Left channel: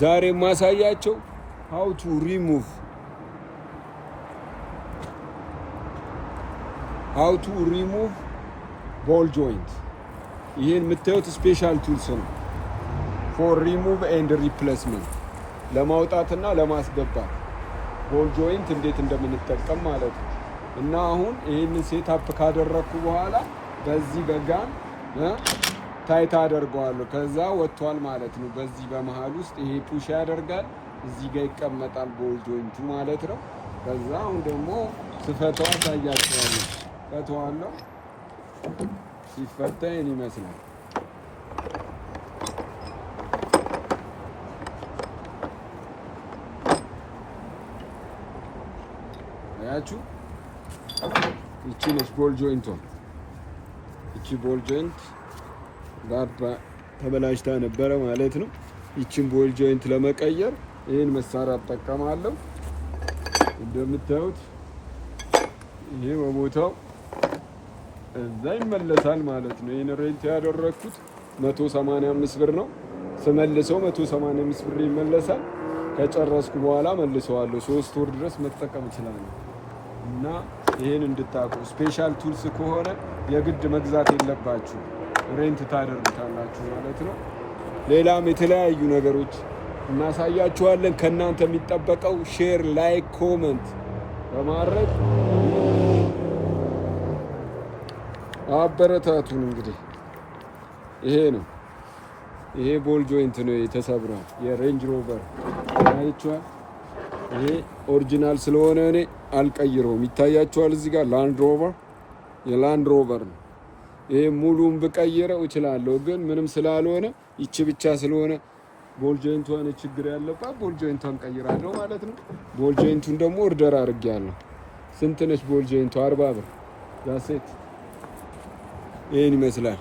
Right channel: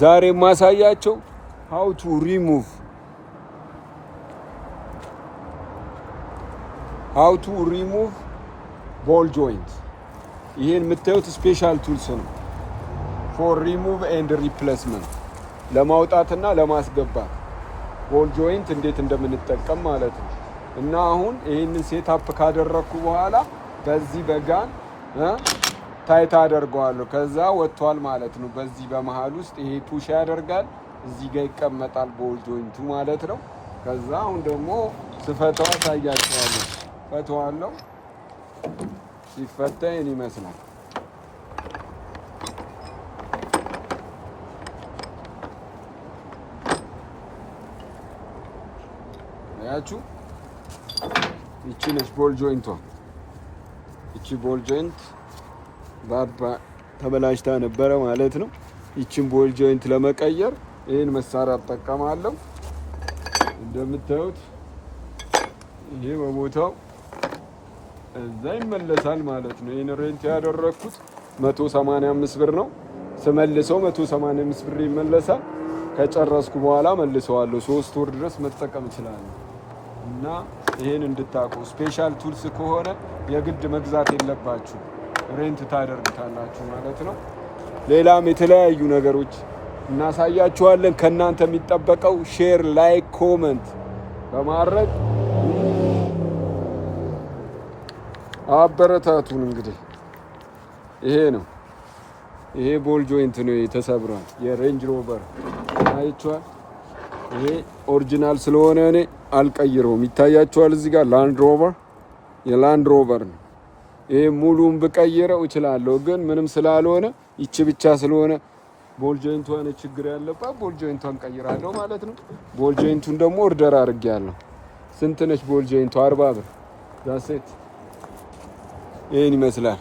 ዛሬ ማሳያቸው how to remove ball joint። ይሄን የምታዩት ስፔሻል ቱልስ ነው for remove and replacement ለማውጣትና ለማስገባት ቦል ጆይንት እንዴት እንደምንጠቀም ማለት ነው። እና አሁን ይሄንን ሴትአፕ ካደረኩ በኋላ በዚህ በጋን ታይት አደርገዋለሁ። ከዛ ወጥቷል ማለት ነው። በዚህ በመሃል ውስጥ ይሄ ፑሽ ያደርጋል፣ እዚህ ጋር ይቀመጣል ቦል ጆይንቱ ማለት ነው። ከዛ አሁን ደግሞ ስፈታው ታያችኋለሁ። ፈታዋለሁ። ሲፈታ ይሄን ይመስላል። አያችሁ፣ ይቺ ነች ቦል ጆይንቷ። ይቺ ቦል ጆይንት ባባ ተበላሽታ ነበረ ማለት ነው። ይቺን ቦል ጆይንት ለመቀየር ይሄን መሳሪያ እጠቀማለሁ። እንደምታዩት ይሄ በቦታው እዛ ይመለሳል ማለት ነው። ይሄን ሬንት ያደረኩት 185 ብር ነው። ስመልሰው 185 ብር ይመለሳል። ከጨረስኩ በኋላ መልሰዋለሁ። 3 ወር ድረስ መጠቀም እችላለሁ። እና ይሄን እንድታቁ ስፔሻል ቱልስ ከሆነ የግድ መግዛት የለባችሁ፣ ሬንት ታደርጉታላችሁ ማለት ነው። ሌላም የተለያዩ ነገሮች እናሳያችኋለን። ከእናንተ የሚጠበቀው ሼር፣ ላይክ፣ ኮመንት በማድረግ አበረታቱን። እንግዲህ ይሄ ነው፣ ይሄ ቦል ጆይንት ነው የተሰብሯል። የሬንጅ ሮቨር አይቷል። ይሄ ኦሪጂናል ስለሆነ እኔ አልቀይረውም። ይታያችኋል እዚህ ጋር ላንድ ሮቨር፣ የላንድ ሮቨር ነው። ይሄ ሙሉን ብቀይረው እችላለሁ፣ ግን ምንም ስላልሆነ ይቺ ብቻ ስለሆነ ቦል ጆይንቷን ችግር ያለባት ቦል ጆይንቷን ቀይራለሁ ማለት ነው። ቦል ጆይንቱን ደግሞ ኦርደር አድርጌያለሁ። ስንት ነች ቦል ጆይንቷ? 40 ብር ዛሴት። ይሄን ይመስላል።